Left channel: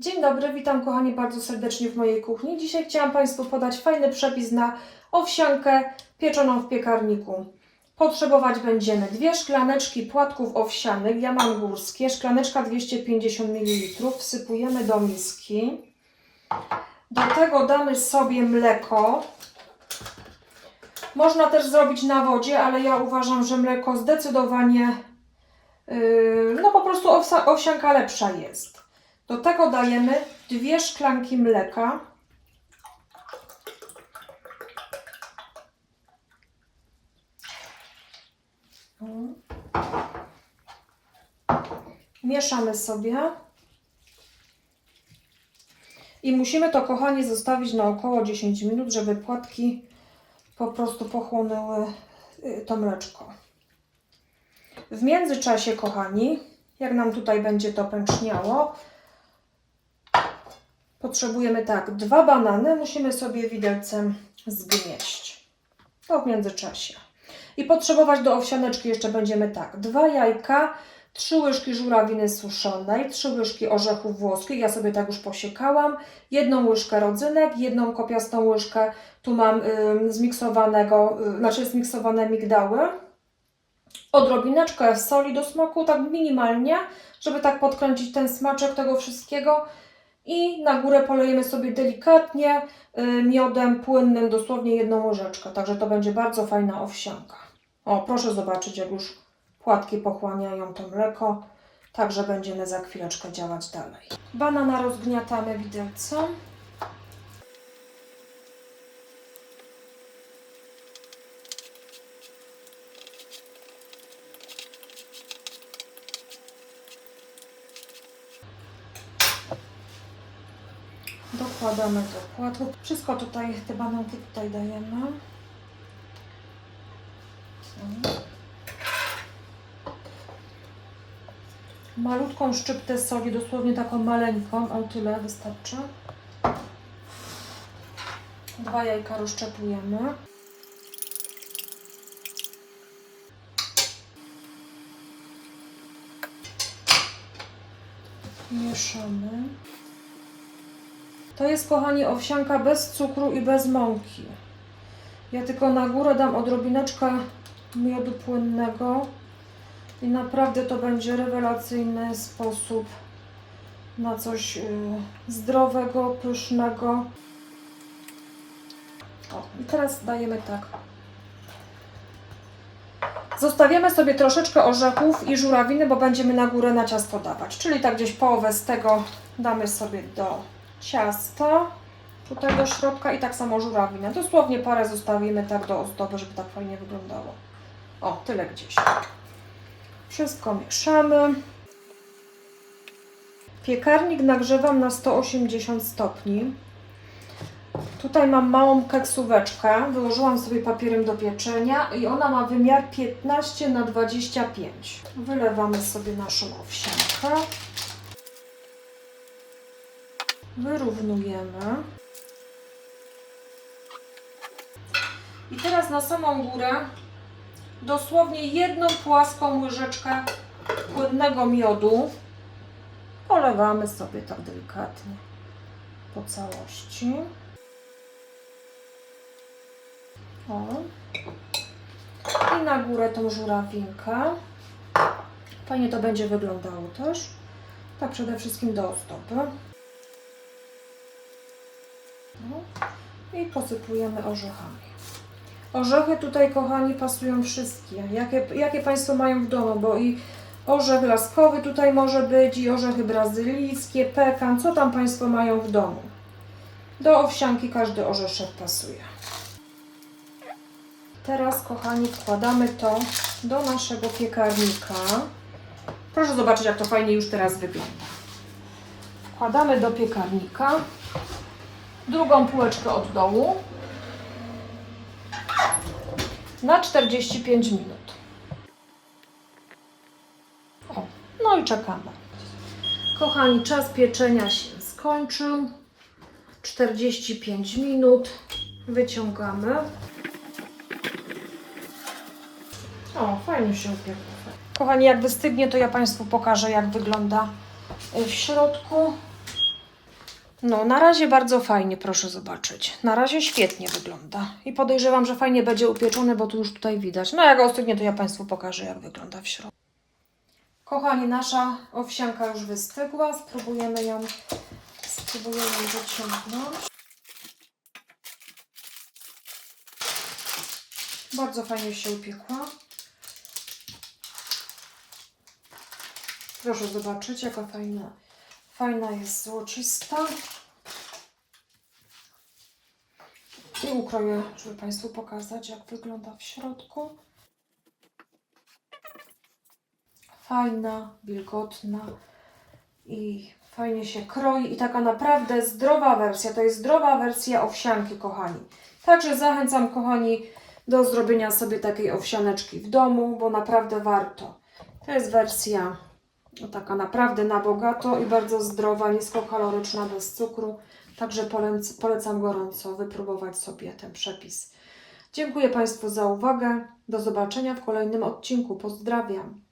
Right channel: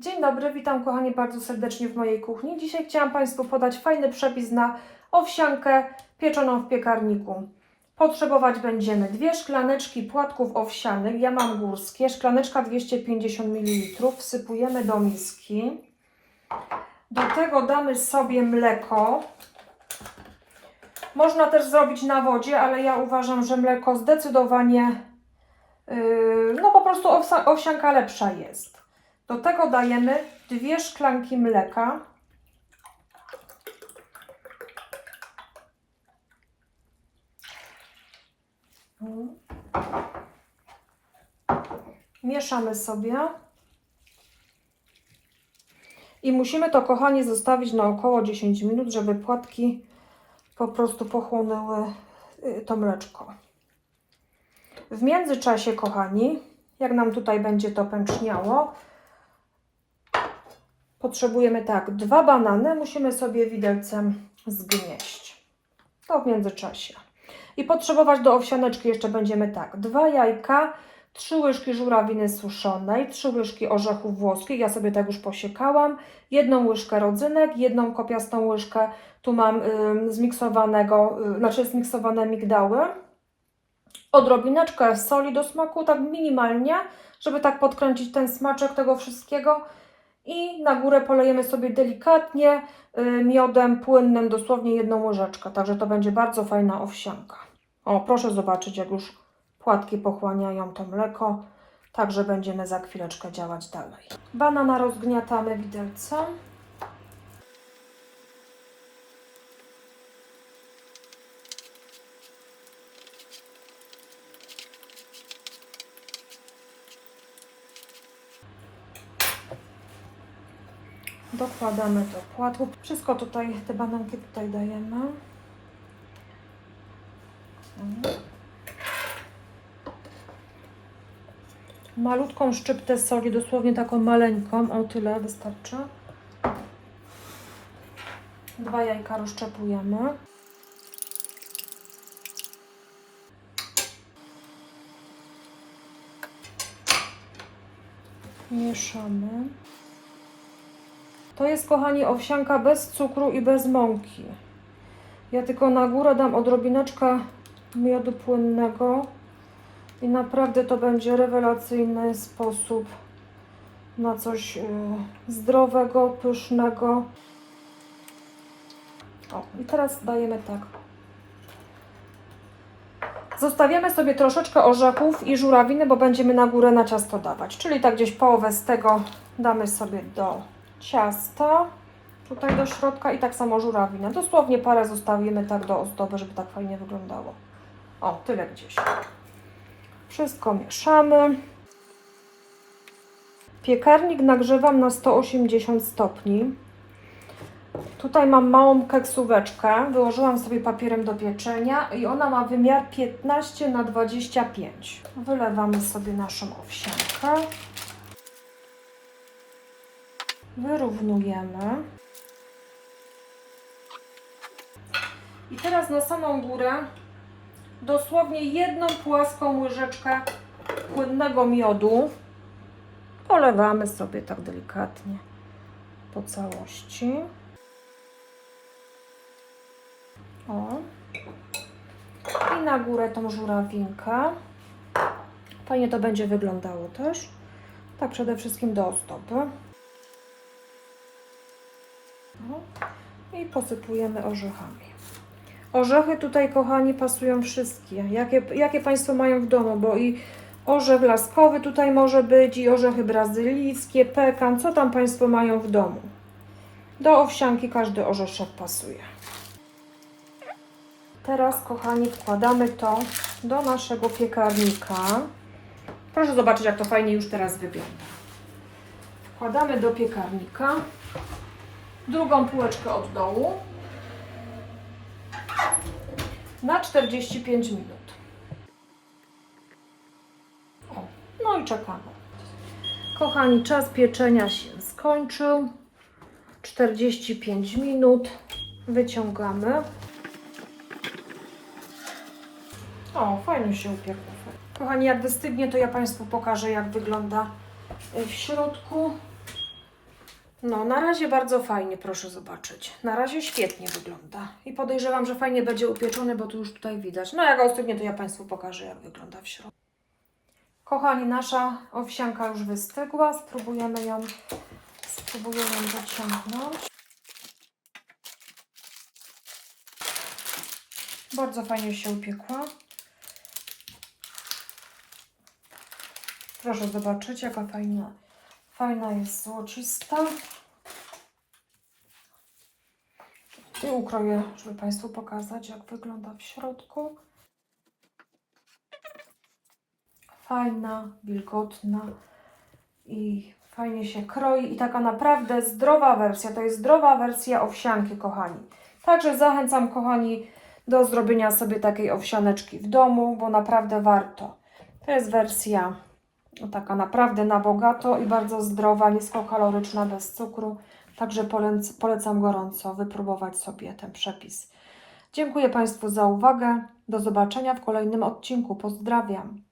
Dzień dobry, witam kochani bardzo serdecznie w mojej kuchni. Dzisiaj chciałam Państwu podać fajny przepis na owsiankę pieczoną w piekarniku. Potrzebować będziemy dwie szklaneczki płatków owsianych, ja mam górskie, szklaneczka 250 ml, wsypujemy do miski. Do tego damy sobie mleko. Można też zrobić na wodzie, ale ja uważam, że mleko zdecydowanie, yy, no po prostu owsianka lepsza jest. Do tego dajemy dwie szklanki mleka. Mieszamy sobie. I musimy to, kochani, zostawić na około 10 minut, żeby płatki po prostu pochłonęły y, to mleczko. W międzyczasie, kochani, jak nam tutaj będzie to pęczniało, potrzebujemy tak, dwa banany musimy sobie widelcem zgnieść. To w międzyczasie. I potrzebować do owsianeczki jeszcze będziemy tak, dwa jajka, trzy łyżki żurawiny suszonej, trzy łyżki orzechów włoskich, ja sobie tak już posiekałam, jedną łyżkę rodzynek, jedną kopiastą łyżkę, tu mam y, zmiksowanego, y, znaczy zmiksowane migdały, odrobineczkę soli do smaku, tak minimalnie, żeby tak podkręcić ten smaczek tego wszystkiego i na górę polejemy sobie delikatnie y, miodem płynnym, dosłownie jedną łyżeczkę, także to będzie bardzo fajna owsianka. O, proszę zobaczyć, jak już płatki pochłaniają to mleko, także będziemy za chwileczkę działać dalej. Banana rozgniatamy widelcem. Dokładamy do płatków. Wszystko tutaj, te bananki tutaj dajemy. Malutką szczyptę soli, dosłownie taką maleńką, o tyle wystarczy. Dwa jajka rozszczepujemy. Mieszamy. To jest, kochani, owsianka bez cukru i bez mąki. Ja tylko na górę dam odrobineczkę miodu płynnego i naprawdę to będzie rewelacyjny sposób na coś y, zdrowego, pysznego. O, i teraz dajemy tak. Zostawiamy sobie troszeczkę orzechów i żurawiny, bo będziemy na górę na ciasto dawać. Czyli tak gdzieś połowę z tego damy sobie do ciasta, tutaj do środka i tak samo żurawinę. Dosłownie parę zostawimy tak do ozdoby, żeby tak fajnie wyglądało. O, tyle gdzieś. Wszystko mieszamy. Piekarnik nagrzewam na 180 stopni. Tutaj mam małą keksóweczkę. Wyłożyłam sobie papierem do pieczenia i ona ma wymiar 15 na 25. Wylewamy sobie naszą owsiankę. Wyrównujemy. I teraz na samą górę dosłownie jedną płaską łyżeczkę płynnego miodu polewamy sobie tak delikatnie po całości. O. I na górę tą żurawinkę. Fajnie to będzie wyglądało też. Tak przede wszystkim do ozdoby. No. I posypujemy orzechami. Orzechy tutaj, kochani, pasują wszystkie. Jakie, jakie Państwo mają w domu, bo i orzech laskowy tutaj może być, i orzechy brazylijskie, pekan, co tam Państwo mają w domu. Do owsianki każdy orzeszek pasuje. Teraz, kochani, wkładamy to do naszego piekarnika. Proszę zobaczyć, jak to fajnie już teraz wygląda. Wkładamy do piekarnika drugą półeczkę od dołu na 45 minut. O, no i czekamy. Kochani, czas pieczenia się skończył. 45 minut. Wyciągamy. O, fajnie się upiekło. Kochani, jak wystygnie, to ja Państwu pokażę, jak wygląda w środku. No, na razie bardzo fajnie, proszę zobaczyć. Na razie świetnie wygląda. I podejrzewam, że fajnie będzie upieczony, bo tu już tutaj widać. No, jak ostygnie, to ja Państwu pokażę, jak wygląda w środku. Kochani, nasza owsianka już wystygła. Spróbujemy ją, spróbujemy ją wyciągnąć. Bardzo fajnie się upiekła. Proszę zobaczyć, jaka fajna, fajna jest złocista. I ukroję, żeby Państwu pokazać, jak wygląda w środku. Fajna, wilgotna i fajnie się kroi. I taka naprawdę zdrowa wersja. To jest zdrowa wersja owsianki, kochani. Także zachęcam, kochani, do zrobienia sobie takiej owsianeczki w domu, bo naprawdę warto. To jest wersja taka naprawdę na bogato i bardzo zdrowa, niskokaloryczna, bez cukru. Także polec- polecam gorąco wypróbować sobie ten przepis. Dziękuję Państwu za uwagę. Do zobaczenia w kolejnym odcinku. Pozdrawiam.